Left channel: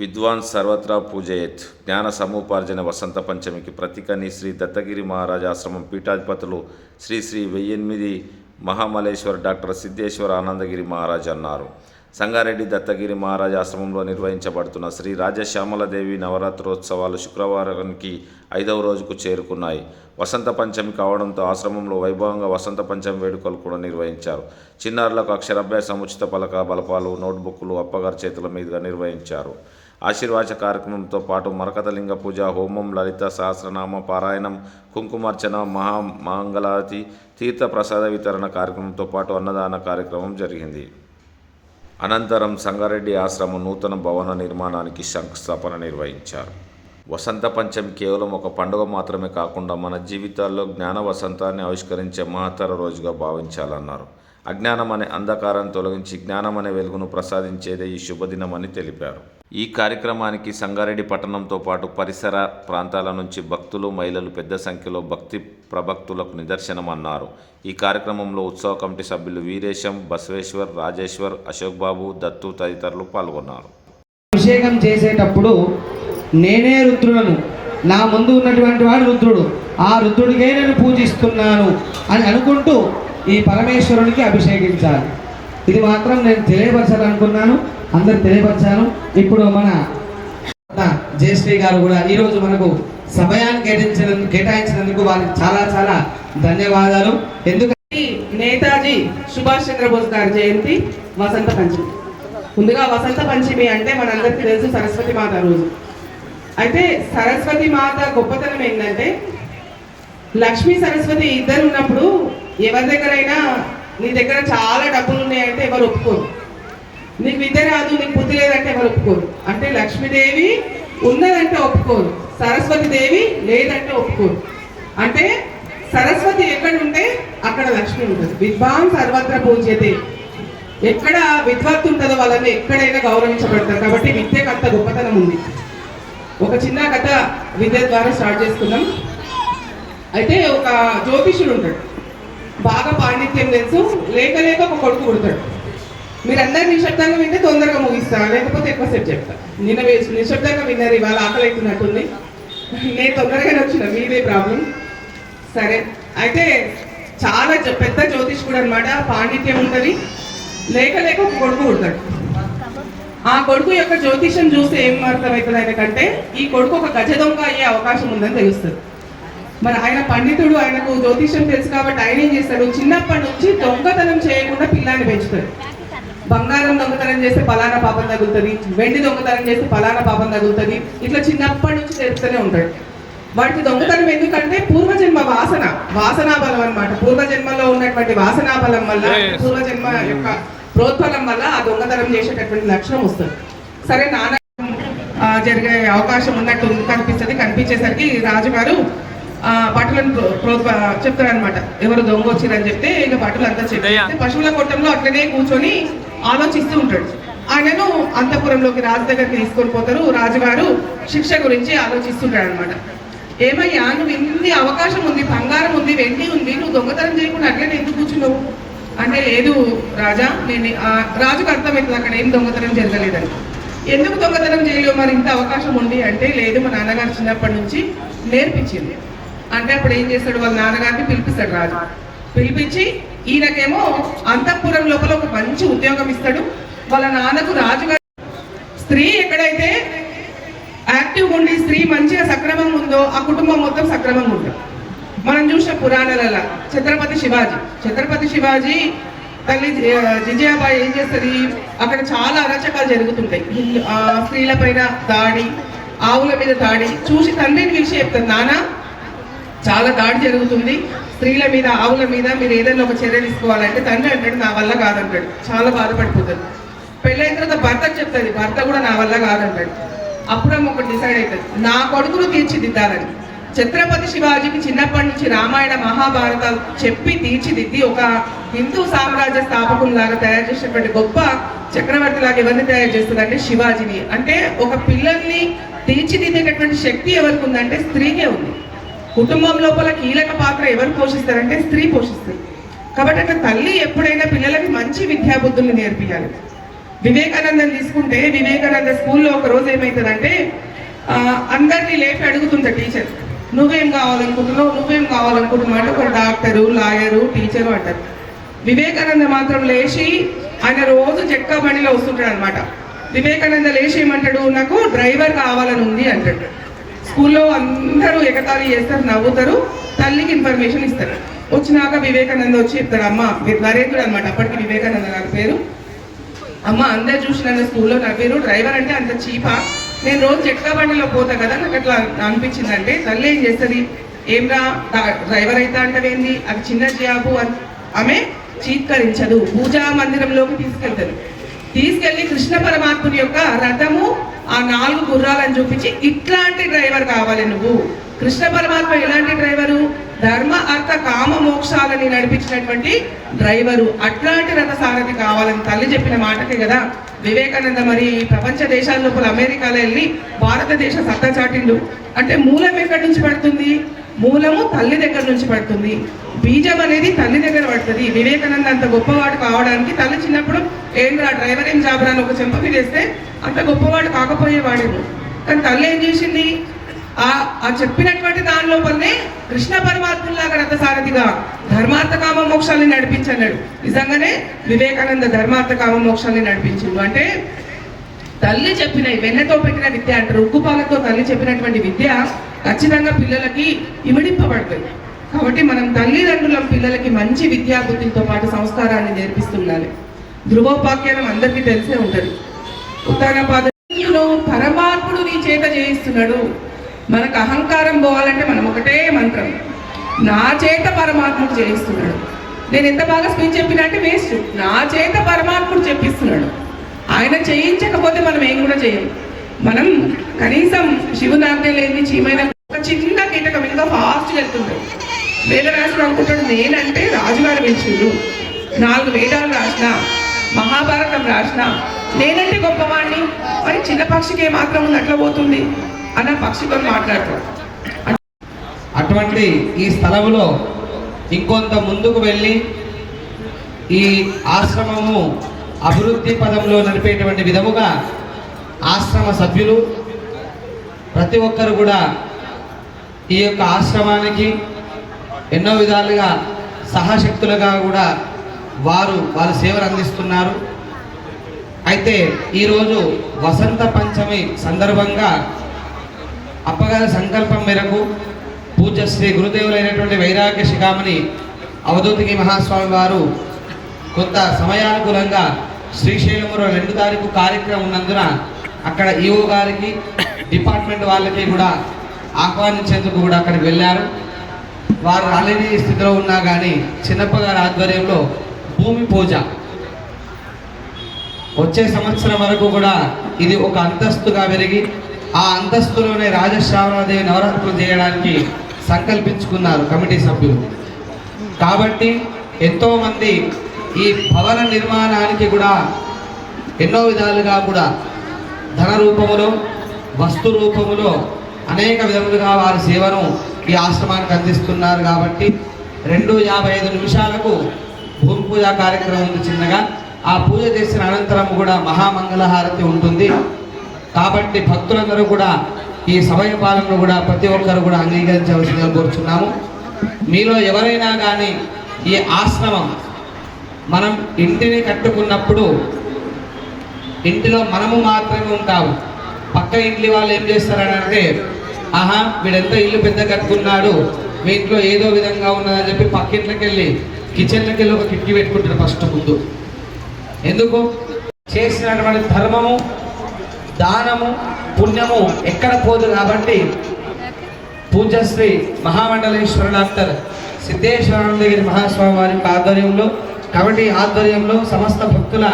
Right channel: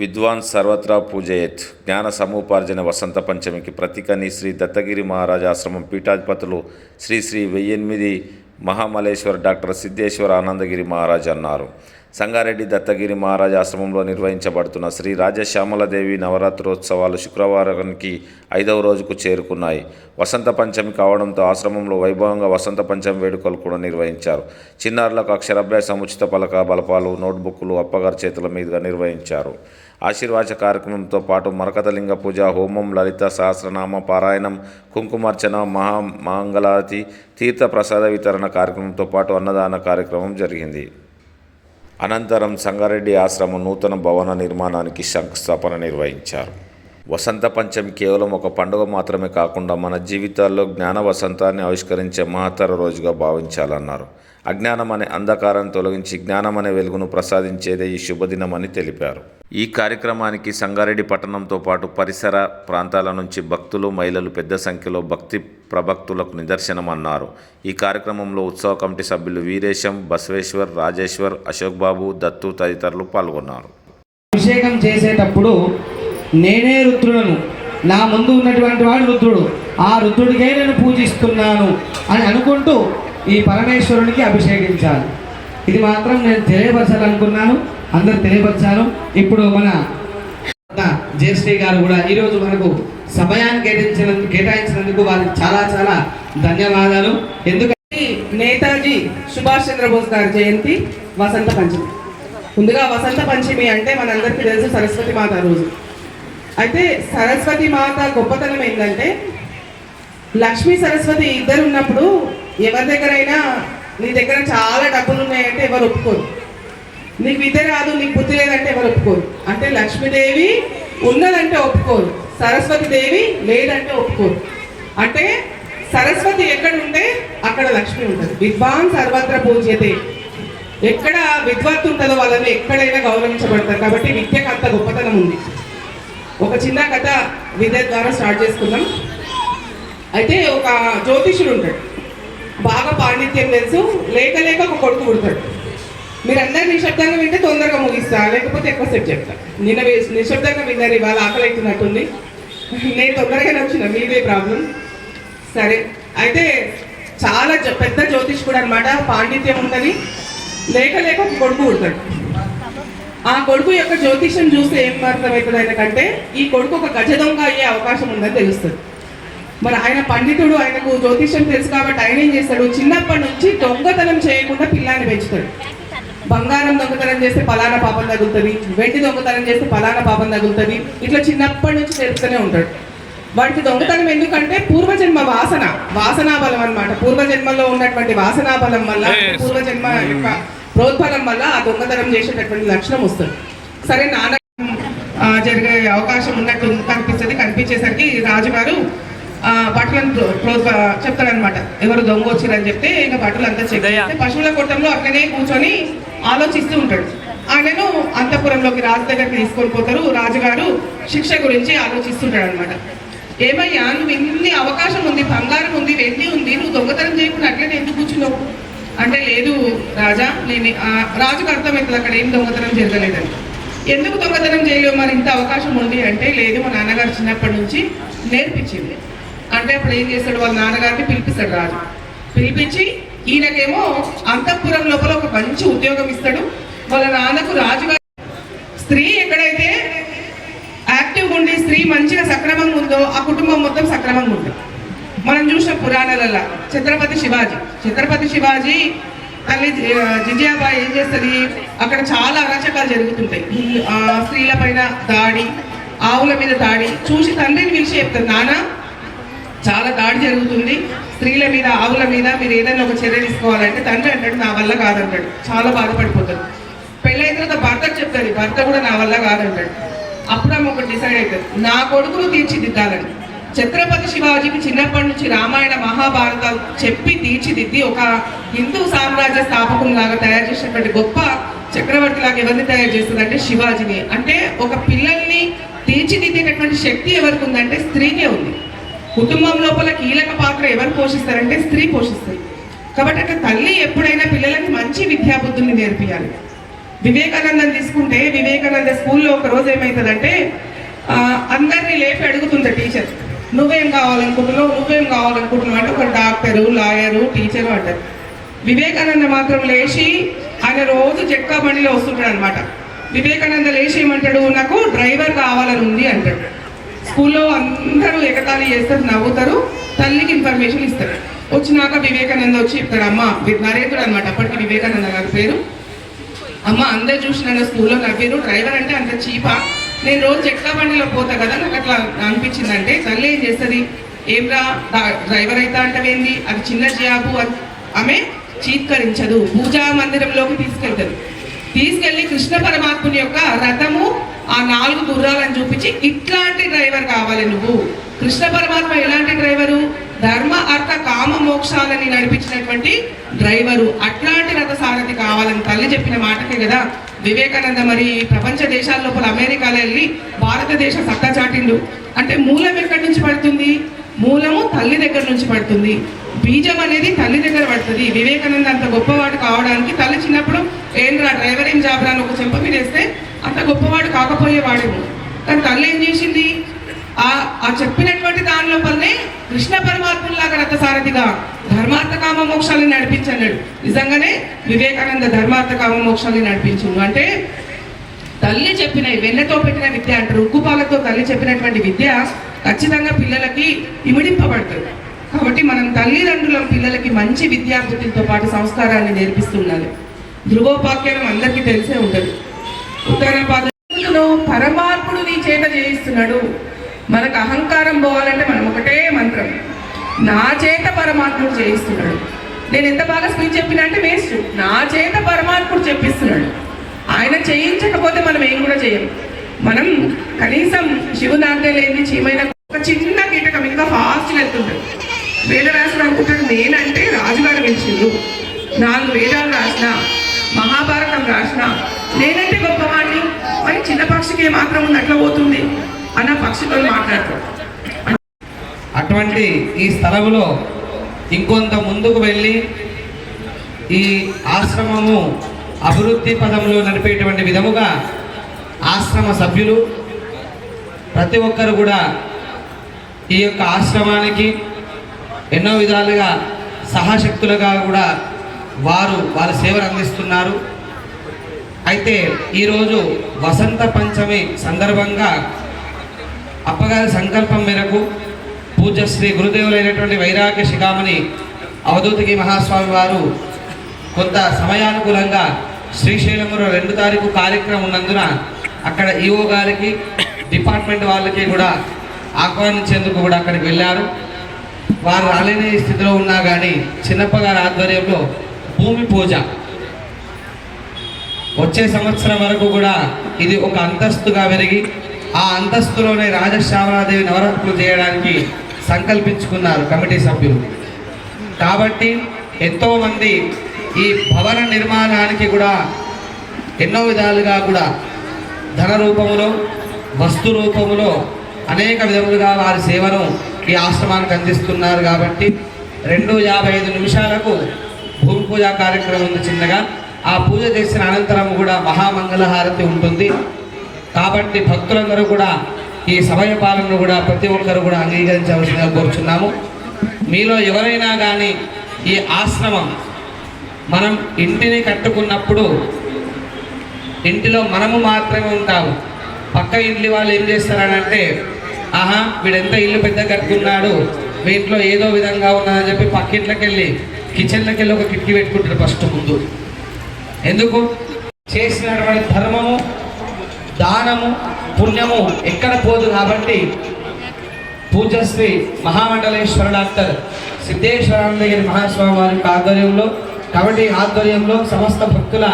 విద్వాన్ సర్వత్రా పూజయేత్. జ్ఞాన సముపార్జన వసంత పంచమికి ప్రతీకని శ్రీ దత్తగిరి మహారాజ్ ఆశ్రమం పీఠాధిపతులు శ్రీ శ్రీ 1008 మహామలేశ్వర డాక్టర్ సిద్ధేశ్వర ఆనందగిరి మహారాజ్ అన్నారు. సంగారెడ్డి దత్తగిరి మహారాజ్ ఆశ్రమంలో నిర్వహించబడుతున్న శ్రీ రాజశ్యామలదేవి నవరాత్రోత్సవాలు శుక్రవారానికి 5వ రోజుకు చేరుకున్నాయి. వసంత పంచమి కావడంతో ఆశ్రమంలో వైభవంగా వసంత పంచమి వేడుకలు కూడా నిర్వహించారు. చిన్నారులకు అక్షరాభ్యాసం, ఉచిత పలక బలపాలు, నోట్బుక్లు అప్పగారి చేతుల మీదుగా నిర్వహించారు. ఆశీర్వాచ కార్యక్రమంతో పాటు మరకతలింగ పూజ, హోమం, లలిత సహస్రనామ పారాయణం, కుంకుమార్చన, మహామంగళారతి, తీర్థ ప్రసాద వితరణ కార్యక్రమంతో పాటు అన్నదాన కార్యక్రమం జరిగింది. అనంతరం సంగారెడ్డి ఆశ్రమం నూతన భవన నిర్మాణానికి శంకుస్థాపన నిర్వహించారు. వసంత పంచమి కేవలం ఒక పండుగ మాత్రమే కాకుండా మన జీవితాల్లో జ్ఞాన వసంతాన్ని ఆవిష్కరించే మహత్తర రోజుగా భావించాలన్నారు. అజ్ఞానం అనే అంధకారాన్ని తొలగించి జ్ఞానం అనే వెలుగును ప్రసాదించేదే ఈ శుభదినమని తెలిపారు. ఈ కార్యక్రమానికి సంగారెడ్డి పట్టణంతో పాటు పరిసర ప్రాంతాల నుంచి భక్తులు, మహిళలు పెద్ద సంఖ్యలో భక్తి ప్రభక్తులకు నిదర్శనమన్నారు. ఈ కార్యక్రమంలో ఉత్సవ కమిటీ సభ్యులు వీరేశం, బసవేశ్వర్, రాజేశ్వర్, అశోక్ బాబు, దత్తు తదితరులు పాల్గొన్నారు. అభిషేకం చేసేటప్పుడు నేనే రుద్రుడను, నా ముందు ఉన్నటువంటి వాడు రుద్రుడు, ఆ రుద్రుడికే నేను పూజిస్తున్నాను అని అనుకుంటూ ఈ పరమేశ్వరునికి అభిషేకించాలి. ఇది మాత్రం నేను తెలియపరచాలనుకున్నాను, అందరు తెలియపరచాను. ఇప్పుడు మన జయశ్రీ గారు కూడా ఈరోజు మనకు సమయాన్ని కేటాయించినందుకు వారికి చాలా చాలా ధన్యవాదాలు. ఎందుకంటే నేతాజీ సుభాష్ చంద్రబోస్ గారి జయంతి వసంత పంచమి. ముందుగా వసంత పంచమి అంటే మనందరికీ తెలుసు సరస్వతి మాత రోజు. అయితే సరస్వతి మాత గొప్పతనం ఏంటంటే లక్ష్మీ సరస్వతి ఇద్దరు ఉన్నప్పుడు ఎవరి దగ్గరైనా నీ దగ్గర చాలా డబ్బులు ఉన్నాయంటే ఎవరు ఒప్పుకోరు, నీకు విద్య రాదు, నీకు బుద్ధి లేదంటే ఎవరు ఒప్పుకోరు. అంటే లక్ష్మీదేవి ఉన్నదంటే ఒప్పుకోరు, సరస్వతి దేవి లేదంటే ఒప్పుకోరు. అంటే సరస్వతి ఎక్కడ ఉంటే అక్కడ లక్ష్మి ఉంటుంది. విద్వాన్ సర్వత్ర పూజ్యతే. ఎక్కడ విద్వత్తు ఉంటుందో వాళ్ళని ఎక్కడైనా గౌరవించబడతారు. కాబట్టి విద్యకు అంత గొప్పతనం ఉంది. ఒక చిన్న కథ విద్య ద్వారా స్టార్ట్ చేసుకుందాం. అయితే ఒక జ్యోతిష్యుడు ఉంటాడు, బాగా పాండిత్యం తెలుసు, లేక లేక ఒక కొడుకు పుడతాడు. మీరందరూ నిశ్శబ్దంగా వింటే తొందరగా ముగిస్తా, లేకపోతే ఎక్కువసేపు చెప్తా. నిన్న నిశ్శబ్దంగా విన్నారు, ఇవాళ ఆకలి అవుతున్నట్టుంది. నేను తొందరగానే వచ్చిన, మీదే ప్రాబ్లం. సరే, అయితే చాలా పెద్ద జ్యోతిష్కుడు అనమాట, పాండిత్యం ఉంటుంది, లేక లేక ఒక కొడుకు పుడతాడు. ఆ కొడుకు యొక్క జ్యోతిష్యం చూస్తే ఏం అర్థమవుతుంది ఆయనకంటే ఈ కొడుకు ఒక గజ దొంగ అయ్యే అవకాశం ఉందని తెలుస్తుంది. మరి ఆయన పండితుడు, ఆయనకు జ్యోతిష్యం తెలుసు కాబట్టి ఆయన ఏం చేస్తాడు, చిన్నప్పటి నుంచి దొంగతనం చేయకుండా పిల్లాన్ని పెంచుతాడు. బంగారం దొంగతనం చేస్తే పలానా పాపం తగులుతుంది, వెండి దొంగతనం చేస్తే పలానా పాపం తగులుతుంది, ఇట్లా చిన్నప్పటి నుంచి తెలుస్తూనే ఉంటాడు. వాటికి దొంగతనం ఎందుకంటే పూర్వజన్మ వాసనా బలం అనమాట. పూర్వజన్మలో ఉన్నటువంటి వాసనా బలం వల్ల, పూర్వజన్మ యొక్క ప్రోద్బలం వల్ల ఆ దొంగతనం చేసేటటువంటి లక్షణం వస్తుంది. సరే, నాన్న జరిగే అవకాశం ఉన్నట్టు కనిపిస్తుంది. కనిపించేసరికి రాజుగారు బట్టలను చెప్తాడనమాట, ఎవరు దొంగ వచ్చిరని చెప్తే ఇక బట్టలు అంతా చెప్తే పశువుల కొట్టంలో అట్లనే కూర్చొని ఆలోచిస్తూ ఉంటాడు. ఆయనను అంతఃపురంలోకి రాజు దగ్గరికి తీసుకొని పోతారు. రాజుగారు శిక్ష గురించి ఆలోచిస్తుంటాడు అనమాట. ఏమయ్యా, నువ్వు ఇన్ని అవకాశం ఉంది, బంగారం ఉంది, వెండి ఉంది, నువ్వు దొంగతనం చేయకుండా అట్లనే ఎందుకు కూర్చున్నావు అంటే, లేదు రాజా, నేను రాజుకు అర్థమవుతుంది అక్కడ ఏం దొంగతనం జరగలేదని. ఎందుకు దొంగతనం చేయలేవు మరి ఇంత అవకాశం ఉంది అంటే, లేదు మా నాన్నగారు చిన్నప్పటి నుంచి నేర్పించింది అంటే. అప్పుడు ఏం చేస్తాడు, వాళ్ళ నాన్నగారిని పిలిపిస్తాడు రాజు. పిలిపించి ఈయనకేమో అంతఃపురం లోపల ఒక మంచి ఉద్యోగం ఇస్తాడు. వాళ్ళ నాన్నకు రాజుగారు స్త్రీ ఎక్కడైతే యాక్టివ్గా ఉండి స్త్రీ మంచిగా సక్రమంగా ఉందో ఆ కుటుంబం మొత్తం సక్రమంగా ఉంటుంది. మనం చూసిన పురాణాలలో ఛత్రపతి శివాజీ తల్లి జింజాబాయి ఏం చేస్తుంది, అక్కడ చాలా అరాచకాలు జరుగుతుంటాయి. స్త్రీల పైన దాడి, ఆవుల మీద దాడి చూసి తండ్రిని పిలిచి చెప్తారు, నాన్న చాలా దాడి జరుగుతుంది స్త్రీల మీద, ఆవుల మీద, మీరు ఏదైనా ఒక చర్య తీసుకోవాలంటే తండ్రి అంటాడు నా వల్ల కాదంటాడు. చాలా బాధపడిపోతాడు. పెళ్ళైన తర్వాత భర్తకు చెప్తుంది, భర్త కూడా నా వల్ల కాదంటాడు. అప్పుడు ఒకటి డిసైడ్ అవుతుంది, నా కొడుకును తీర్చిదిద్దాలని. ఛత్రపతి శివాజీకి చిన్నప్పటి నుంచి రామాయణ మహాభారతాలు చెప్పి తీర్చిదిద్ది ఒక హిందూ సామ్రాజ్య స్థాపకులాగా తయారు చేసినటువంటి గొప్ప చక్రవర్తిలాగా ఎవరిని తయారు చేస్తుందంటే శివాజీని. అంటే ఒక పిల్లల్ని తీర్చిదిద్దేటటువంటి శక్తి ఎవరికి ఉందంటే స్త్రీకే ఉంది. కుటుంబం లోపల కీలక పాత్ర ఎవరు పోషిస్తారంటే స్త్రీ పోషిస్తుంది. కాబట్టి అక్కడ తల్లి ఎప్పుడైనా పిల్లలకి మంచి విద్యాబుద్ధుల్ని నేర్పియాలి. వివేకానందం తీసుకుంటే వివేకానంద స్కూల్లో ఒక రోజు ఏమవుతుందంటే అందరినీ లేపి అడుగుతుంది టీచర్, నువ్వేం కావాలనుకుంటున్నావు అంటే ఒక డాక్టరు, లాయరు, టీచరు అంటారు. వివేకానంద మాత్రం లేచి ఆయన రోజు చెక్కా బండిలో వస్తుంటాడు అనమాట. వివేకానంద లేచి ఏమంటాడు, నాకు డ్రైవర్ కావాలని ఉంది అంటాడు. స్కూల్లో అందరూ ఎగతాళి చేస్తారు, నవ్వుతారు, తల్లికి ఇన్ఫర్మేషన్ ఇస్తారు. వచ్చినాక వివేకానంద వచ్చి చెప్తాడు, అమ్మ నరేంద్రుడు అనమాట, అప్పటికి వివేకానంద గారి పేరు. అమ్మ అందరు చూసిన స్కూల్లో నవ్వేరు, డ్రైవర్ అంటే అంత చీపా, నేను రోజు చెక్కా బండిలో పోతా కదా, నాకు అట్లా అనిపించింది అంటే తల్లి ఏం చేస్తుంది, ఏమ్రా డ్రైవర్ అయితే అంటవేంది, అది చిన్న జాబు అని ఆమె చీత్కరించదు. పూజా మందిరంలోకి తీసుకెళ్ళి కృష్ణ పరమాత్ముని యొక్క రథము ఆ 4 గుర్రాలను చూపించి ఇట్లాంటి డ్రైవర్ కావాలి నువ్వు. కృష్ణ పరమాత్మ ఎలాంటి డ్రైవరు, ధర్మ అర్థ కామ మోక్షాలని నడిపించినటువంటి డ్రైవరు, అట్లాంటి రథ సారథి కావాలని తల్లి చెప్పిన మాటకే కదా వివేకానంద మరి ప్రపంచ దేశాల లోపల అమెరికాలో వెళ్ళి భారతదేశ సత్తా చాటిండు. అంటే మూలం ఎక్కడి నుంచి పడుతుంది, మూలము తల్లి దగ్గర నుంచి పడుతుంది, బీజం అనేది తల్లి దగ్గర పడుతుంది. వివేకానంద అంత గొప్పవాడు కావడానికి తల్లి చిన్నప్పుడు ఏంద్రా డ్రైవర్ ఏం జాబ్ రాని ఒక చెంప మీద వేస్తే అంత గొప్పవాడు కాకపోయేవాడు. కానీ తల్లి ఏం చేసింది, ఆ చెప్పినటువంటి దాని లోపలనే కృష్ణ పరమాత్ములాగా రథసారథిగా ధర్మార్థ కామ మోక్షాన్ని నడిపించన్నాడు. నిజంగానే వివేకానంద ధర్మార్థ కామ మోక్షాన్ని నడిపించిండు. అంటే తల్లి చెప్పిన వెన్నతో పెట్టిన విద్య అంటారు, ఉక్కుపాలతో తల్లి చెప్పినటువంటి విద్య ఖచ్చితంగా పిల్లలకి ఇమిడింపబడుతుంది. కాబట్టి మనం తల్లిదండ్రులం పిల్లలకి మంచి విద్యాబుద్ధితో పాటు సంస్కారాన్ని నేర్పిస్తున్నారు. ధ్రువోపాఖ్యానం అందరికీ తెలిసే ఉంటుంది. ఉత్తరపాదులు పరమాత్ముడు నీ చేత చేయిస్తున్నాడు. మనకు అహంకారం పోవాలంటే మనం ఒకటే మంత్రం, నా చేత పరమాత్ముడు చేయిస్తున్నాడు. నేను ఎంత బాగా స్పీచ్ చెప్పినా అంటే వేస్ట్, నా చేత పరమాత్ముడు చెప్పిస్తున్నాడు. ఆయన చేయించకపోతే మనం ఏం కూడా చేయం. మనం కనీసం శివునాంటే లేని చీమైన ఒక చిన్న కీటకం ఇంకా ఫాస్ట్గా వెళ్తుంటాడు. వేదవ్యాసుడు అనుకుంటాడు, నేనంటే రాజుగారు పిలిచిండు, 4 వేదాలు రాసిన, మహాభారతం రాసిన, నేనంటే గొప్పవాణ్ణి, మరి చిన్న పక్షికి ఏమాత్రం ఉంది అట్లా పోతుంది అన్న పక్షితో మాట్లాడతాడు. అటువంటి ఈ స్థలంలో ఇంకొంత ముందుకు వెళ్ళి ఈ ఆశ్రమము అభివృద్ధి పదంలో నడిపేటువంటి విధముగా ఆశ్రమ సభ్యులు ప్రతి ఒక్కరు కూడా ఈ యొక్క ఆశ్రమానికి ఎన్నో విధాలుగా సహశక్తులుగా కూడా వారి సేవలు అందిస్తున్నారు. అయితే ఈరోజు వసంత పంచమి సందర్భంగా అప్పగారి సంకల్పం మేరకు పూజ్య శ్రీ గురుదేవులైనటువంటి వైరాగ్య శిఖామణి అవధూతకి మహాస్వామి వారు కొంత సమయానుకూలంగా శ్రీశైలంలో 2 తారీఖు కార్యక్రమం ఉన్నందున అక్కడ ఈఓ గారికి డిపార్ట్మెంట్ వాళ్ళకి కూడా ఆహ్వానించేందుకు కూడా అక్కడికి వెళ్ళారు. వారు రాలేని స్థితిలో ఉన్నా కానీ చిన్నప్ప గారి ఆధ్వర్యంలో భూమి పూజ వచ్చే సంవత్సరం వరకు కూడా ఇది ఒక అంతస్తుగా పెరిగి ఆ అంతస్తులోనే రాజశ్యామలాదేవి నవరాత్రులు చేయడానికి సంకల్పించుకున్నారు కమిటీ సభ్యులు. కాబట్టి ఎంతోమంది ఈ భవన నిర్మాణానికి కూడా ఎన్నో విధాలుగా కూడా ధన రూపములో వస్తు రూపములో అనేక విధములుగా వారి సేవను ఈ ఆశ్రమానికి అందిస్తున్నారు. కాబట్టి 2:55 నిమిషాలకు భూమి పూజా కార్యక్రమం ఉంది చిన్నగా. ఆ పూజ చేసిన అనంతరం కూడా మహామంగళహారతి ఉంటుంది. కాబట్టి భక్తులందరూ కూడా ఈ సమయ పాలనను కూడా ప్రతి ఒక్కరు కూడా అంగీకరించవలసిందిగా కోరుచున్నాము. మీలో ఎవరైనా కానీ ఈ ఆశ్రమం మనం ఇంటిని కట్టుకున్నప్పుడు ఇంటిలో మనము మాత్రమే ఉంటాము. పక్క ఇంటి వాళ్ళు ఏం చేస్తారనంటే, ఆహా వీడెంత ఇల్లు పెద్ద కట్టుకున్నాడు, మీ ఇంట్లో ఏదో విధంగా ఉన్నదని చెప్పి పక్కింట్లోకి వెళ్ళి కిచెన్లోకి వెళ్ళి ఒక కిటికీ పెట్టుకుంటారు ఫస్ట్ ముందు. ఎందుకు? చేసినటువంటి ధర్మము దానము పుణ్యము ఎక్కడ పోదు. కాబట్టి పూజ్యశ్రీ మహామండలేశ్వర డాక్టర్ సిద్ధేశ్వరానందగిరి మహాస్వామి వారి ఆధ్వర్యంలో, కమిటీ ఆధ్వర్యంలో, సమస్త భక్తుల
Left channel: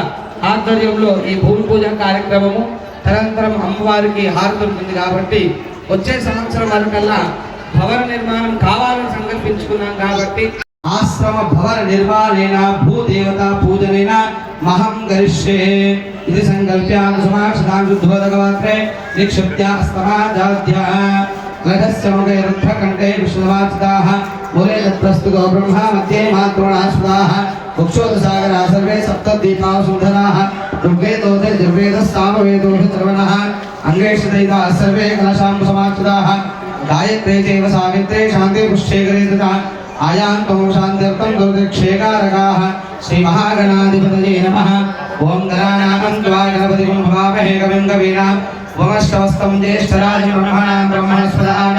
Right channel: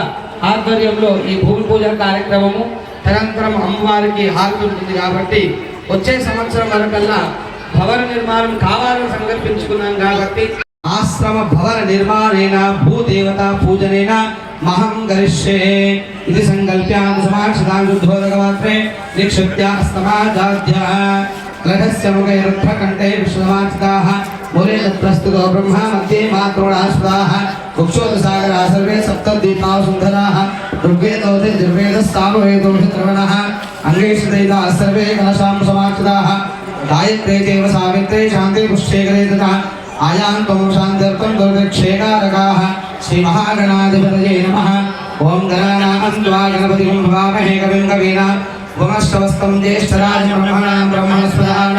ఆధ్వర్యంలో ఈ భూమి పూజ కార్యక్రమము నిరంతరం అమ్మవారికి హారతి ఉంటుంది. కాబట్టి వచ్చే సంవత్సరం వరకల్లా భవన నిర్మాణం కావాలని సంకల్పించుకున్నాం. కాబట్టి ఆశ్రమ భవన నిర్మాణేన భూదేవత పూజనేన మహం గరిష్యే ఇది సంకల్ప్యాన్ సమాషదాన్ శుద్ధోదకవాత్రే నిక్షిప్త్యా స్తమాజాధ్య లఘస్య ముఖైరధ్వకంఠే విష్ణువాచితాః మూలే తత్ప్రస్తుతో బ్రహ్మ మధ్యే మాతృణాస్పదాః ముక్షోదసాగరా సర్వే సప్తద్వీపాः సుందరాः ఋగ్వేదో श्री महागणाधिपतये नमः। ओम गणानां त्वा गणपतिं भवामहे कविं कवीनाम् उपमश्रवस्तं ज्येष्ठराजं ब्रह्मणां ब्रह्मणस्पदान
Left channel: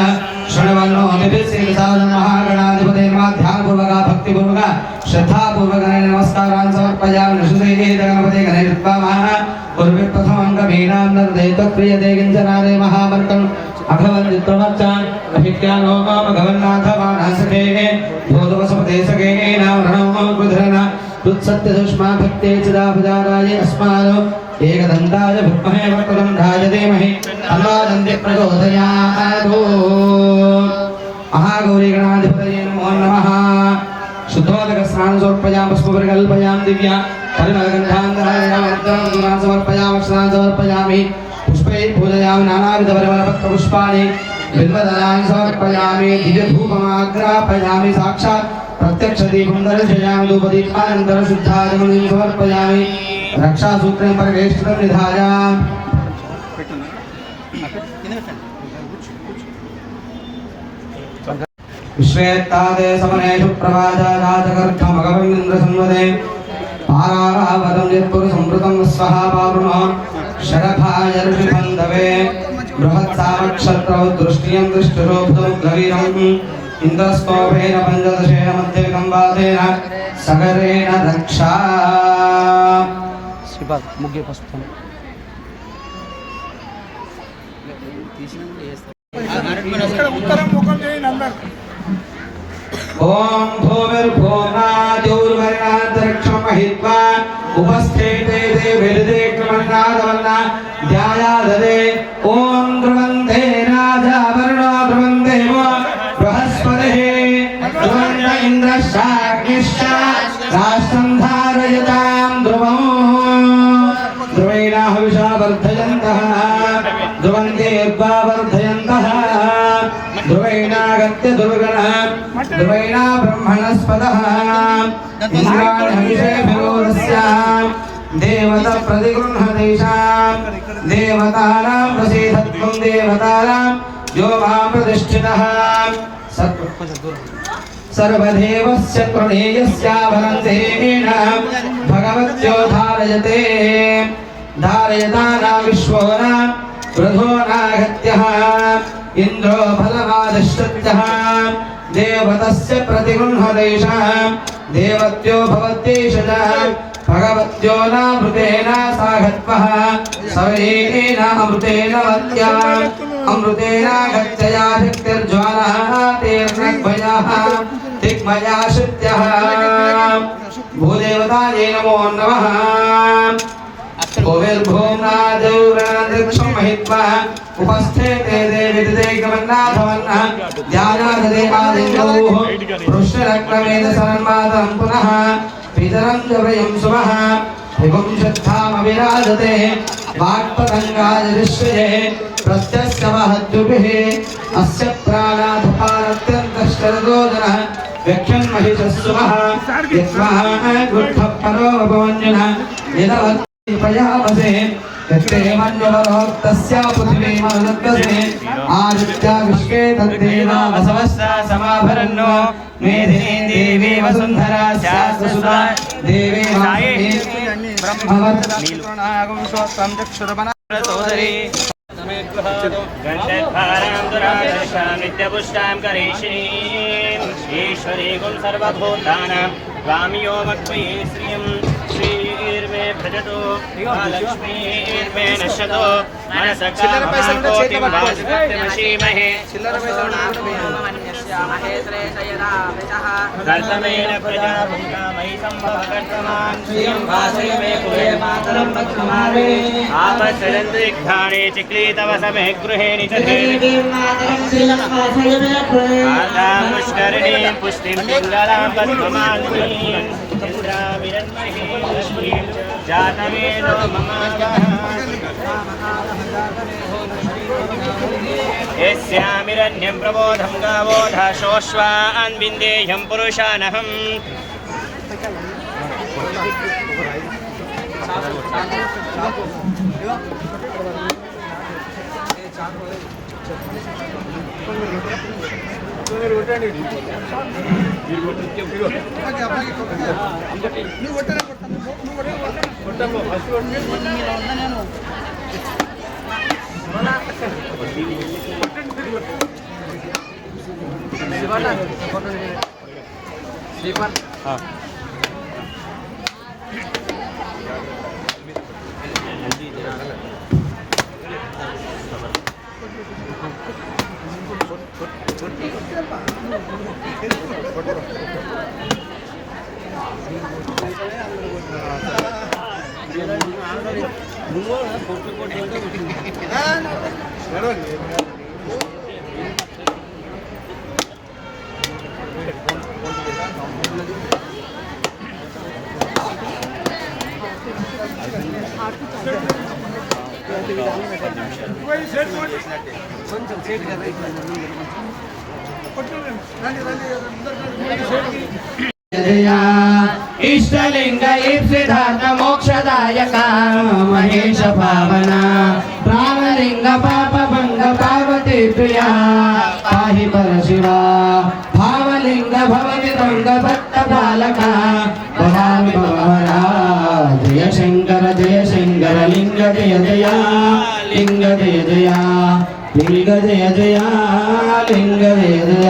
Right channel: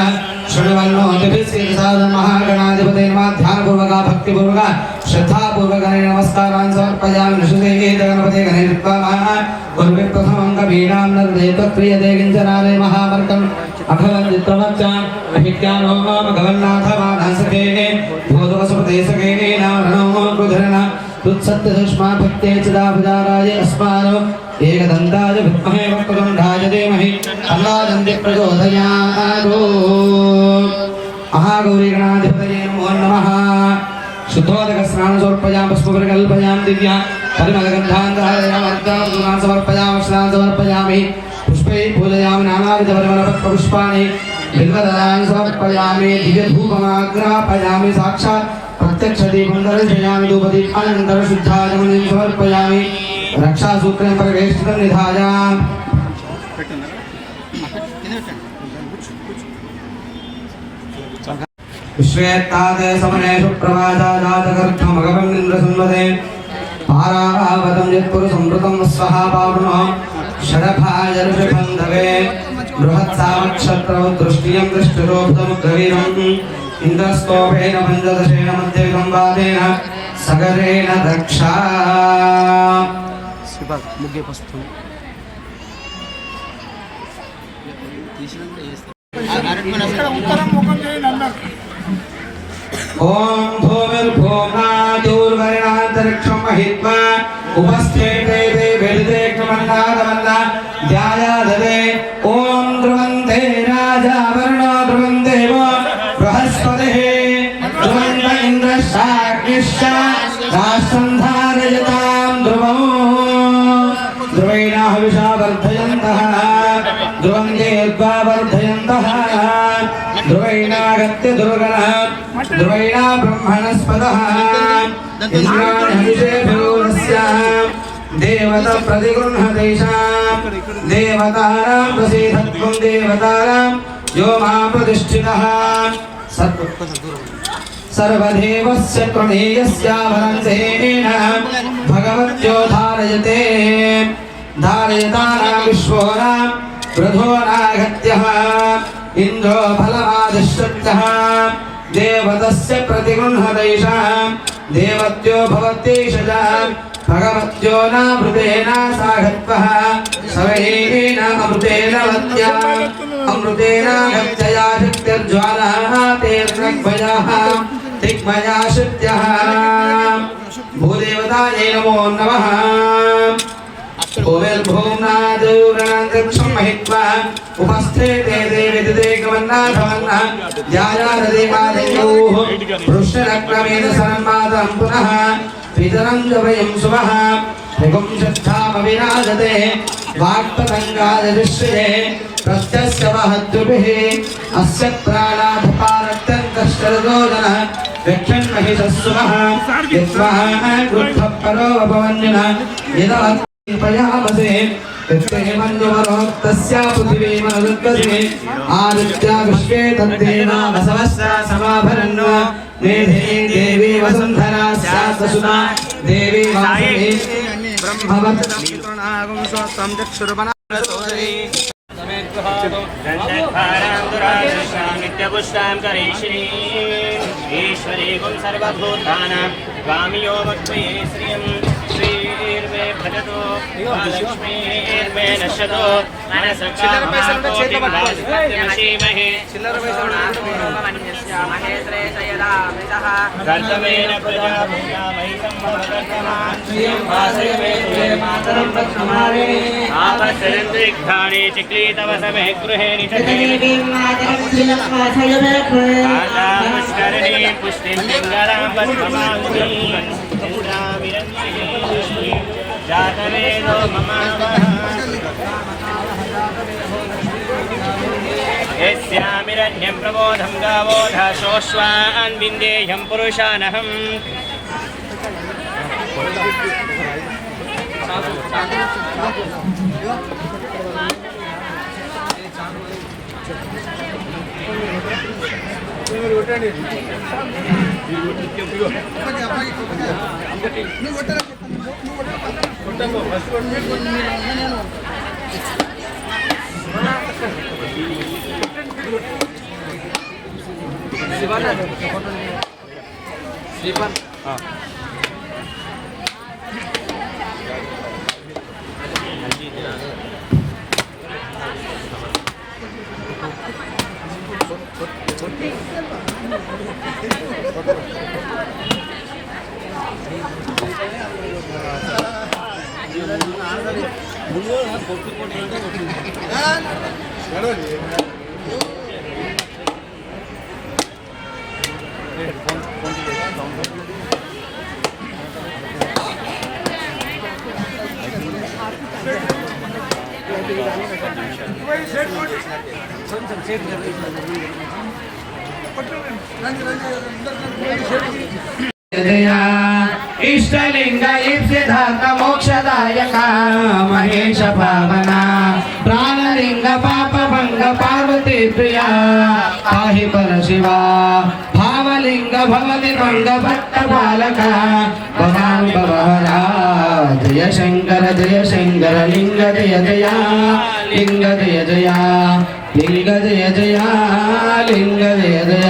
शृण्वन्नो दिव्यश्रीसादं महागणाधिपतये नमः। ध्यानपूर्वक भक्तिपूर्वक श्रद्धापूर्वक नमस्कारान् समर्पयामि। नृसिंहे गणपते गणेशत्वामः गुरुवे प्रथमं कवीनां नर्देव क्रियते किञ्चनारे महामर्तम् अभवन्दित्वमच्च अभिज्ञानो भगवन्नाथ वानसके भूतवसुपदेशके नारणो कृधरन तुत्सत्यदुष्मा भक्ते चिदाभिदाराय अस्मानो एकदन्ताय विद्महे वक्रतुण्डाय धीमहि तन्नो प्रचोदयात्। महागौरी गणाधिपतये नमो नमः। शुद्धोदक स्नान समर्पयामि पुष्पपरिकल्पयामि दिव्या परिमलगन्धान्तरायणामर्दनं समर्पयामि स्नानं समर्पयामि पुष्पैः पूजयामि नानाविधपरिमलपत्रपुष्पाणि बिल्वदलानि समर्पयामि दिव्यधूपमाग्रापयामि साक्षात् प्रत्यक्षदीपं दर्शयामि धूपदीपानन्तरं शुद्धाचमनीं समर्पयामि रक्षासूत्रेण परिवेष्टितं निधाय विश्वेत्तादे समनेषु प्रवाचाजातकर्थमगवन्निन्द्रसंवदे पारावतं यत्पुरुषंवृतं स्वहा पारुणः षडभाजर्षभन्दवे बृहत्सामक्षत्रौ दृष्टियं दृष्टुरोधमुग्रवीरम् इन्द्रस्तोभेन पञ्चदशेन मध्यगम्बादेन सगरेण रक्षा ओम भूमिर्भूमादिर्वर्णान्तरिक्षं महित्वा उपस्थेते वेदिदेक्रमण्डागमन्ना ध्यायादरे ओम ध्रुवन्ते राजा वर्णो ध्रुवन्ते वो बृहस्पतिः ध्रुवन्त इन्द्रशाग्निश्च राष्ट्रं धारयतां ध्रुवं ध्रुवेण हविषा वर्धयन्तः ध्रुवन्तेर्वा वर्धयन्तः ध्रुवेणागत्य दुर्गणः ध्रुवेण ब्रह्मणस्पदः इंद्राणिषेभयोरस्याम् देवता प्रतिगृह्णदेशाम् देवतानां प्रसीदत्वं देवतानां यो मां प्रतिष्ठितः सर्वदेवस्य त्वनेयस्यावनन्तेन भगवत्यो धारयते धारयतानां विश्वोनां वृधोनागत्यः इन्द्रो फलमादिश्यत्यः देवतस्य प्रतिगृह्णदैशां देवत्यो भवत्यैषजा भगवत्यो नामृतेन साघत्वः सवेन अमृतेन वत्याम् अमृतेन गत्यया शक्तिर्ज्वालः तेर्नग्भयाः दिग्मया शक्त्यः भूदेवतायै नमो नमः। भूमिर्भूम्नादौरणन्तरिक्षं महित्वा उपस्थेते देविदिदेकमन्नाभवन्नः ध्यायाददेवादेवोः पृष्ठरक्रमेण संवादं पुनः पितरं जपयं शुभः विपुंशद्धामविराजते वाक्पतङ्गादिश्रये प्रत्यस्य महद्युभिः अस्य प्राणाधपारत्यन्तश्चरदोदनः व्यक्षन्महिषस्सुमः यस्मः गृद्धपरो भवन्यनः यदवत्पयामसे तत्ते मन्यवरोक्तस्या पृथिवीमनुद्गसे आदित्या विश्वे तद्देवा वसवस्या समाभरन् मेधे देवी वसुन्धरा स्यात् वसुधा देवी वासवी नित्यपुष्टां करीशिनीम् ईश्वरीकुं सर्वभूतानां स्वामियो मत्वये श्रियं श्रीर्मे भजतो लक्ष्मीर्मे नश्यतो मनसकामहाकोटिवासुदेवशीमहे कर्तमेन प्रजा भूयामहि सम्भवकर्तमान् श्रियं वासयमे कुलेमातरं पद्ममारे आपश्चरन्तु इग्धाने चिक्लीतवसमे गृहे निचते पुष्करिणीं पुष्टिं पिङ्गलां पद्ममालिनीं चन्द्रामिरन्महीं जातमेनो ममावः यस्यामिरण्यं प्रबोधं गावोधाशोऽश्वान् विन्देयं पुरुषानहम् పెట్టండి జయ ఇష్టలింగ ఇప్సిధాత మోక్షదాయక మహేశ పావన ప్రాణలింగ పాప భంగ పార్వతీ ప్రియ పాహి పర శివ భావలింగ భవతి భంగ భక్త బాలక భవామి భవరా జయ శంకర లింగ జయ జయ లింగ జయ జయ లింగ జయ జయ లింగ జయ జయ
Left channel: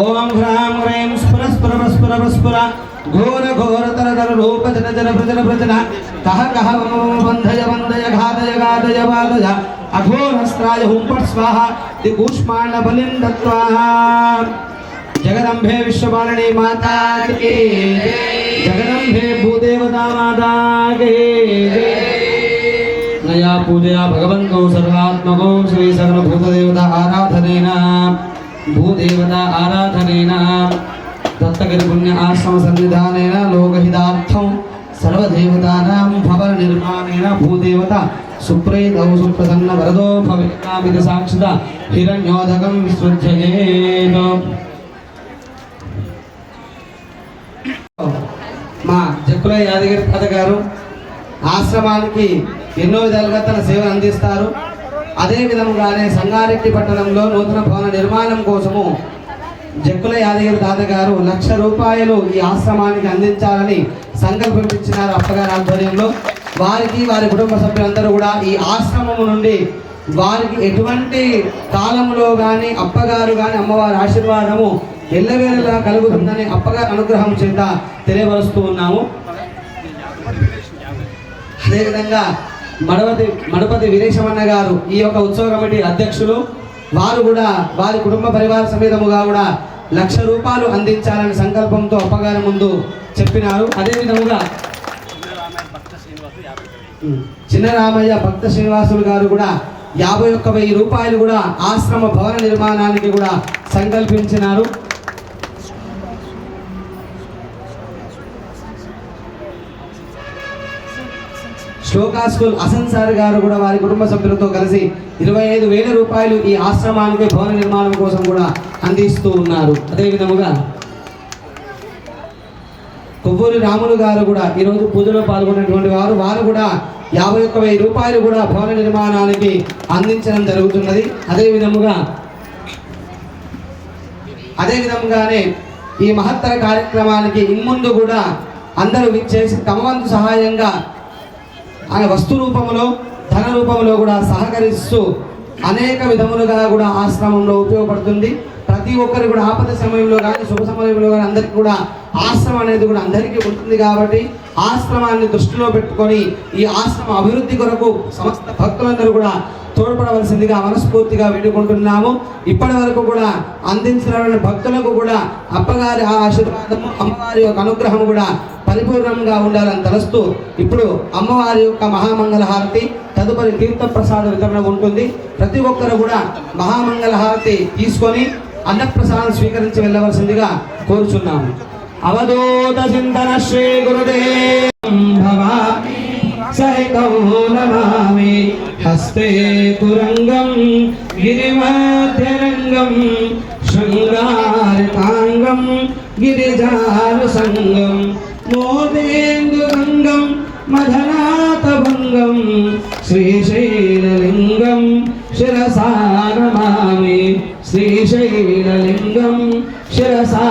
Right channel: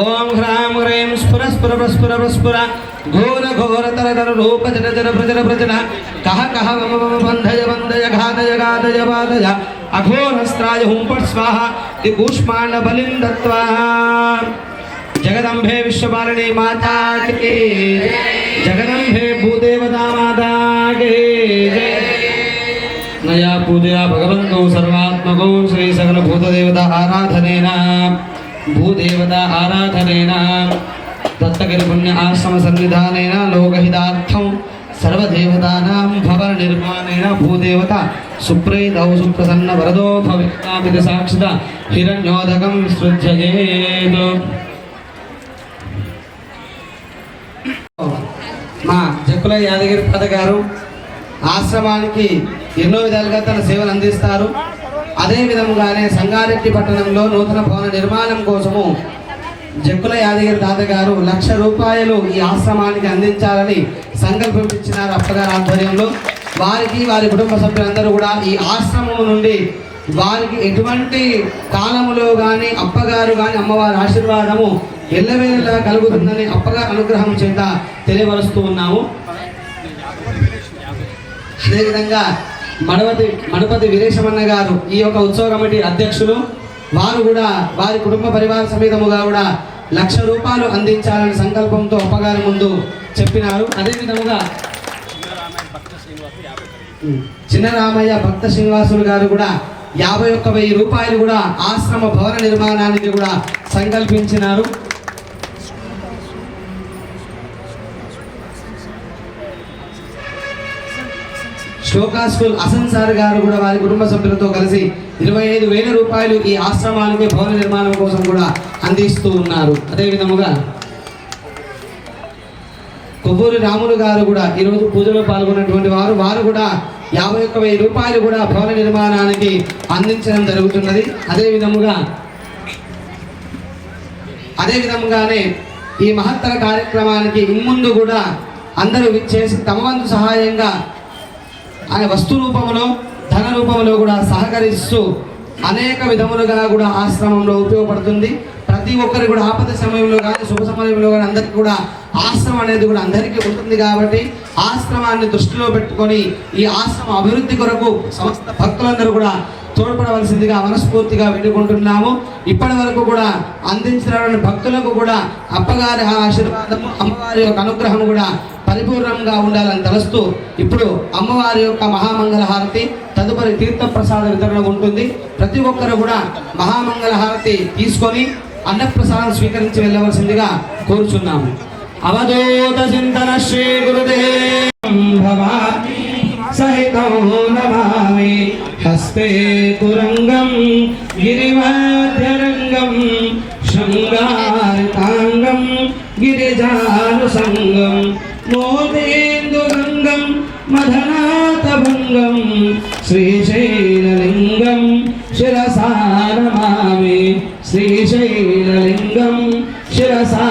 ఓం హ్రాం హ్రీం స్ఫుర స్ఫుర స్ఫుర స్ఫుర ఘోర ఘోర తర తర రూప జన జన ప్రజన ప్రజన కహ కహ మమ మమ బంధయ బంధయ ఘాతయ ఘాతయ బాధయ అఘోరస్త్రాయ హుం పట్ స్వాహ ది కూష్మాండ బలిం దత్వా జగదంబే విశ్వపాలిని మాతా కీ జై జగదంబే భూదేవతా మాతా కీ జై నయా పూజయా భగవంతో సర్వాత్మకో శ్రీ సకల భూతదేవతా ఆరాధనేన దత్తగిరి పుణ్య ఆశ్రమ సన్నిధానేన లోకహితార్థం సర్వదేవతానాం భవన నిర్మాణేన భూదేవత సుప్రీతౌ సుప్రసన్న వరదో భవిష్యామితి సాక్షిత హిరణ్యోదకం సృజ్యయేత్. మా జక్కుల యాదగిరి తాత గారు ఆశ్రమానికి ఎన్నో విధాలుగా తన సేవలు అందిస్తారు. అదే విధముగానే సంగారెడ్డి పట్టణంలో నూతన భవన నిర్మాణం కోసము జక్కుల యాదగిరి తాత గారు 1,00,000 రూపాయలు ఈ ఆశ్రమానికి అందించాలని సంకల్పించినారు అప్పగారి ఆధ్వర్యంలో. వారికి వారి కుటుంబ సభ్యులందరూ కూడా ఈ ఆశ్రమము నుండి వారికి ఎటువంటి కాలములో కానీ అప్పగారు కానీ అమ్మవారి ఆశీర్వాదము ఎల్లవేళలా కలుగుతుందని అప్పగారి అనుగ్రహం చేత తెలియపరుస్తూ ఉన్నాము. అదేవిధంగా మడపతి వీరేశమన్న గారు ఈ యొక్క ఉత్సవ కమిటీ అధ్యక్షులు. వారు కూడా వారి కుటుంబ పరివార సమేతముగా కూడా 1,00,000 రూపాయలు అందించాలనే సంకల్పంతో అప్పగారి ముందు చెప్పినారు. అదేవిధముగా చిన్నరామయ్య భక్త శ్రీనివాసులు గారు కూడా 51,000 రూపాయలు కూడా ఆశ్రమ భవన నిర్మాణానికి కూడా సంకల్పించినారు. శ్లోకా స్కూల్ అసన్సార్ గారు కూడా వారి కుటుంబ సభ్యులతో కలిసి 25,000 రూపాయలు ఈ ఆశ్రమానికి భవన నిర్మాణం కోసం కూడా అందిస్తూ ఉన్నారు. అదేవిధముగా కొవ్వూరి రాములు గారు కూడా ఈరోజు పూజలో పాల్గొన్నటువంటి వారు కూడా 51,000 రూపాయలు కూడా భవన నిర్మాణానికి అందించడం జరుగుతున్నది. అదేవిధముగానే ఈ మహత్తర కార్యక్రమానికి ఇన్ముందు కూడా అందరూ చేసి తమ వంతు సహాయంగా ఆయన వస్తు రూపంలో ధన రూపంలో కూడా సహకరిస్తూ అనేక విధములుగా కూడా ఆశ్రమంలో ఉపయోగపడుతుంది. ప్రతి ఒక్కరు కూడా ఆపద సమయంలో కానీ శుభ సమయంలో కానీ అందరికీ కూడా ఆశ్రమం అనేది కూడా అందరికీ ఉంటుంది. కాబట్టి ఆశ్రమాన్ని దృష్టిలో పెట్టుకొని ఈ ఆశ్రమ అభివృద్ధి కొరకు సమస్త భక్తులందరూ కూడా తోడ్పడవలసిందిగా మనస్ఫూర్తిగా వేడుకుంటున్నాము. ఇప్పటి వరకు కూడా అందించిన భక్తులకు కూడా అప్పగారి ఆశీర్వాదము అమ్మవారి యొక్క అనుగ్రహం కూడా పరిపూర్ణంగా ఉండాలని తలుస్తూ ఇప్పుడు అమ్మవారి యొక్క మహామంగళ హారతి తదుపరి తీర్థ ప్రసాద వితరణ ఉంటుంది. ప్రతి ఒక్కరు కూడా మహామంగళ హారతి తీసుకొని అన్నప్రసాదం స్వీకరించి వెళ్ళవలసిందిగా కోరుచున్నాము. అవధూత చింతన శ్రీ గురుదేవం భవామి సహితం నమామి హస్తే తురంగం గిరిమధ్యరంగం శృంగారతాంగం గిరిజానుసంగం మోదేందుగంగం మదనాథభంగం శ్రీశైలలింగం శిరసా నమామి శ్రీశైలలింగం శిరసా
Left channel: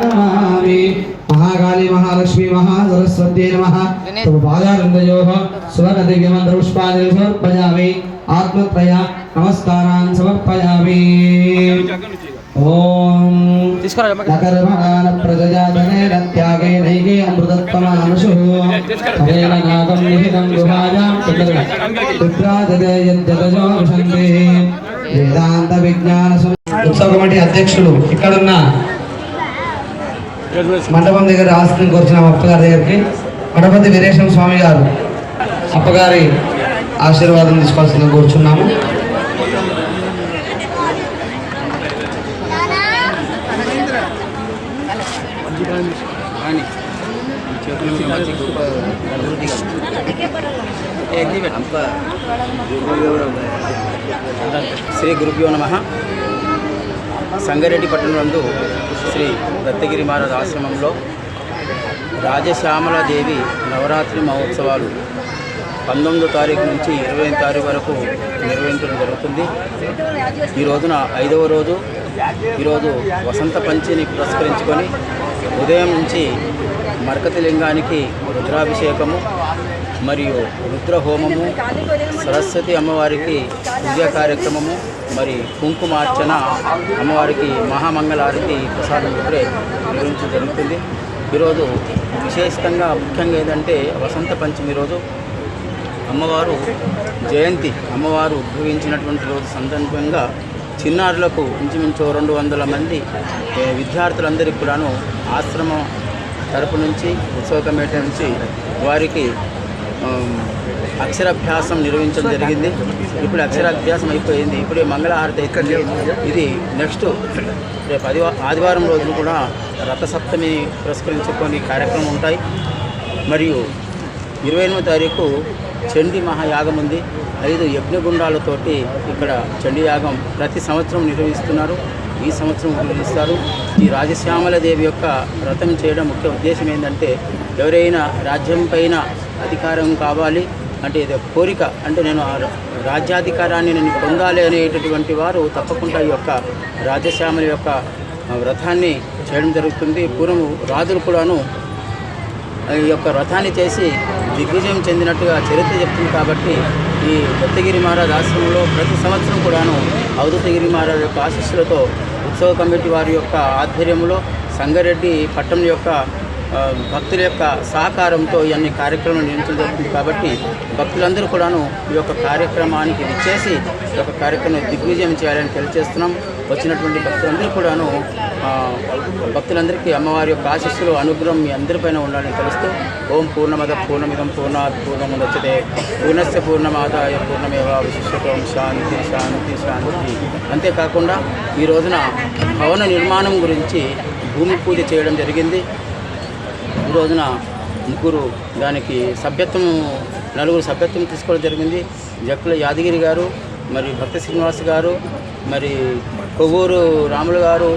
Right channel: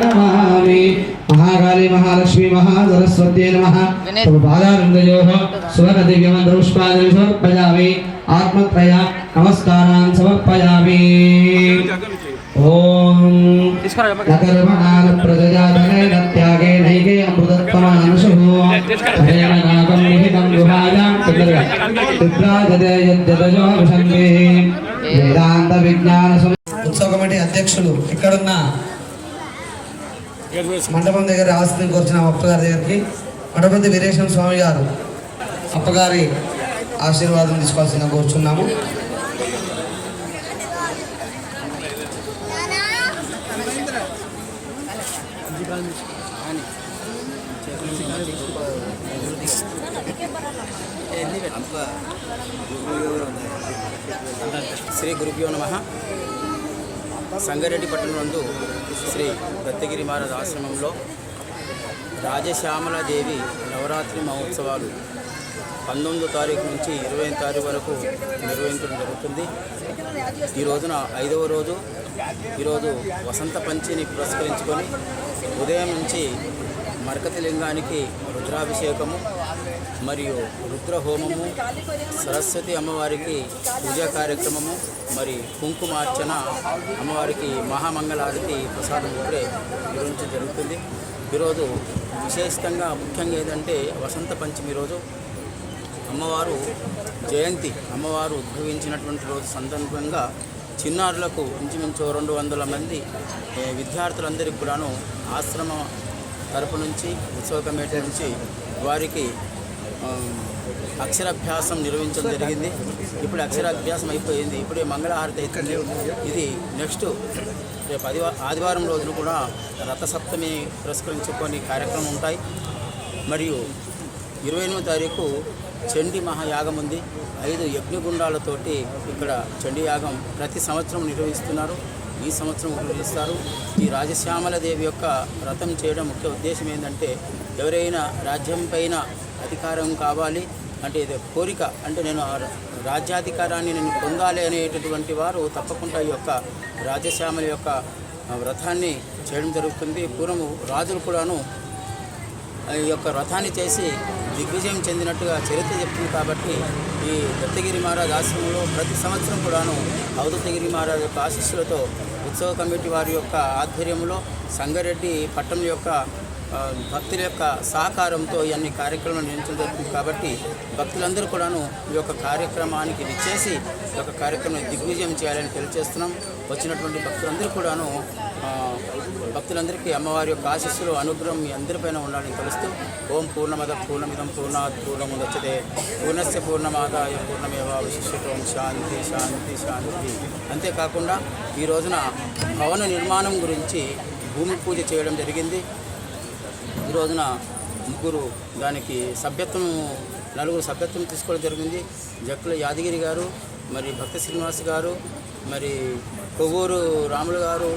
నమామి. మహాకాళి మహాలక్ష్మి మహాసరస్వత్యై నమః. తమ పాదారుందయోః సువర్ణ దివ్యమంత్ర పుష్పాంజలి సమర్పయామి. ఆత్మత్రయ నమస్కారాన్ సమర్పయామి. ఓం నకర్మణాన ప్రజాధనేన త్యాగేనైకే అమృతత్వమానుషుః హరేణ నాగం నిహితం గుహాయాం తుభ్రాజతే యజ్జతజో విశంతే. వేదాంత విజ్ఞాన ఉత్సవ కమిటీ అధ్యక్షులు ఇక్కడున్న మండపం దగ్గర ఆస్తిని కోరుచున్నాం అప్పగారి దగ్గరికి. మడపతి వీరేశం స్వామి గారు అప్పగారి ఆశీర్వాదం తీసుకోవాల్సిందిగా కోరుచున్నాము. శ్రీ గురుభ్యో నమః. సంగారెడ్డి పట్టణం నందు శ్రీ దత్తగిరి మహారాజ్ ఆశ్రమంలో రాజశ్యామలాదేవి నవరాత్రి మహోత్సవాలు 19వ తారీఖు నుంచి 20వ తారీఖు వరకు నిర్వహించడం జరుగుతుంది. ఈ రోజున 5వ రోజు. ఈరోజు వసంత పంచమిని పురస్కరించుకొని ఉదయం నుంచి మరకతి లింగానికి రుద్రాభిషేకము మరియు రుద్రహోమము, సరస్వతి అమ్మవారికి పూజా కార్యక్రమము, మరి కుంకుమార్చన, అమ్మవారికి మహామంగళారతి ప్రసాదం ఇప్పుడే నిర్వహించడం జరుగుతుంది. ఈరోజు విశేషంగా ముఖ్యంగా ఏంటంటే వసంత పంచమి రోజు అమ్మవారు జయంతి, అమ్మవారు ఉద్భవించినటువంటి రోజు సందర్భంగా చిన్నారులకు ఇంచుమించు 200 మంది విద్యార్థులందరికీ కూడాను ఆశ్రమం తరపు నుంచి ఉత్సవ కమిటీ నుంచి వారికి అక్షరాభ్యాసం నిర్వహించడం జరిగింది. ఇప్పుడు అక్షరాభ్యాసం అయిపోయింది. ఇప్పుడే మంగళహారతి అవుతుంది. ఇది నెక్స్ట్ రేపు ఆదివారం రోజున కూడా రథసప్తమి పురస్కరించుకొని కార్యక్రమం ఉంటాయి. మరియు 28వ తారీఖు చండీ మహాయాగం ఉంది. 5 యజ్ఞగుండాలతోటి ఇక్కడ చండీ యాగం ప్రతి సంవత్సరం నిర్వహిస్తున్నారు. ఈ సంవత్సరం నిర్వహిస్తారు. ఈ రాజశ్యామలదేవి యొక్క వ్రతం చేయడం ముఖ్య ఉద్దేశం ఏంటంటే ఎవరైనా రాజ్యం పైన అధికారం కావాలి అంటే ఇది కోరిక, అంటే నేను రాజ్యాధికారాన్ని నేను పొందాలి అనేటటువంటి వారు తప్పకుండా ఈ యొక్క రాజశ్యామల యొక్క వ్రతాన్ని చేయడం జరుగుతుంది. పూర్వము రాజులు కూడాను ఈ యొక్క వ్రతాన్ని చేసి దిగ్విజయం చెందినట్టుగా చరిత్ర చెప్తుంది. కాబట్టి ఈ దత్తగిరి మహారాజ్ ఆశ్రమంలో ప్రతి సంవత్సరం కూడాను అవధూతగిరి మహారాజ్ యొక్క ఆశీస్సులతో ఉత్సవ కమిటీ వారి యొక్క ఆధ్వర్యంలో సంగారెడ్డి పట్టణం యొక్క భక్తుల యొక్క సహకారంతో ఇవన్నీ కార్యక్రమాలు నిర్వహించడం జరుగుతుంది. కాబట్టి భక్తులందరూ కూడాను ఈ యొక్క కార్యక్రమానికి విచ్చేసి ఈ యొక్క కార్యక్రమం దిగ్విజయం చేయాలని తెలియజేస్తున్నాం. వచ్చినటువంటి భక్తులందరూ కూడాను భక్తులందరికీ అమ్మవారి యొక్క ఆశీస్సులు అనుగ్రహం మీ అందరిపైన ఉండాలని తెలుస్తూ ఓం పూర్ణమద పూర్ణమిదం పూర్ణాత్ పూర్ణముదచ్యతే పూర్ణస్య పూర్ణమాదాయ పూర్ణమేవాశిష్యతే. ఓం శాంతి శాంతి శాంతి. అంతేకాకుండా ఈ రోజున భవన నిర్మాణం గురించి భూమి పూజ చేయడం జరిగింది. ఈ రోజున దానికి నలుగురు సభ్యత్వం తీసుకోవడం జరిగింది. జక్కుల యాదగిరి గారు, మరి భక్త శ్రీనివాస్ గారు, మరి కొవ్వూరు రాములు గారు,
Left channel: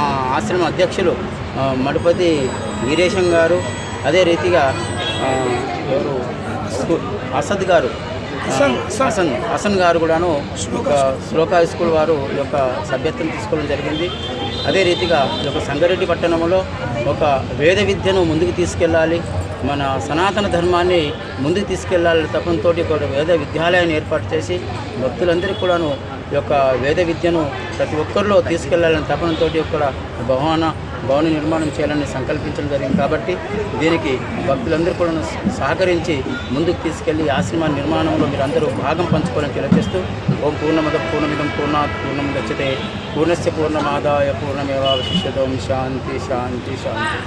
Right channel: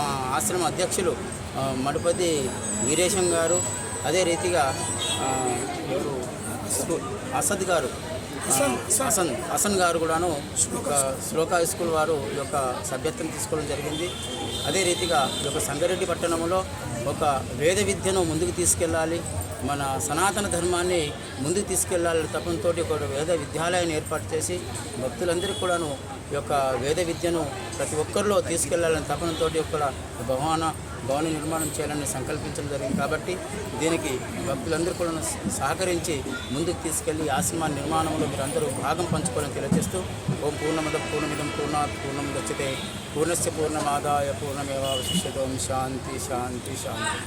మా ఆశ్రమ అధ్యక్షులు మడపతి వీరేశం గారు, అదే రీతిగా అసద్ గారు, హసన్ గారు కూడాను శ్లోకా స్కూల్ వారు యొక్క సభ్యత్వం తీసుకోవడం జరిగింది. అదే రీతిగా ఒక సంగారెడ్డి పట్టణంలో ఒక వేద విద్యను ముందుకు తీసుకెళ్ళాలి, మన సనాతన ధర్మాన్ని ముందుకు తీసుకెళ్ళాలి తపంతో ఒక వేద విద్యాలయాన్ని ఏర్పాటు చేసి భక్తులందరికీ కూడాను ఈ యొక్క వేద విద్యను ప్రతి ఒక్కరిలో తీసుకెళ్లాలని తపనతో ఇక్కడ భవన నిర్మాణం చేయాలని సంకల్పించడం జరిగింది. కాబట్టి దీనికి భక్తులందరూ కూడా సహకరించి ముందుకు తీసుకెళ్లి ఆశ్రమ నిర్మాణంలో మీరందరూ భాగం పంచుకోవాలని తెలియజేస్తూ ఓం పూర్ణమద పూర్ణమిదం పూర్ణాత్ పూర్ణముదచ్యతే పూర్ణస్య పూర్ణమాదాయ పూర్ణమేవాశిష్యతే. ఓం శాంతి శాంతి శాంతి.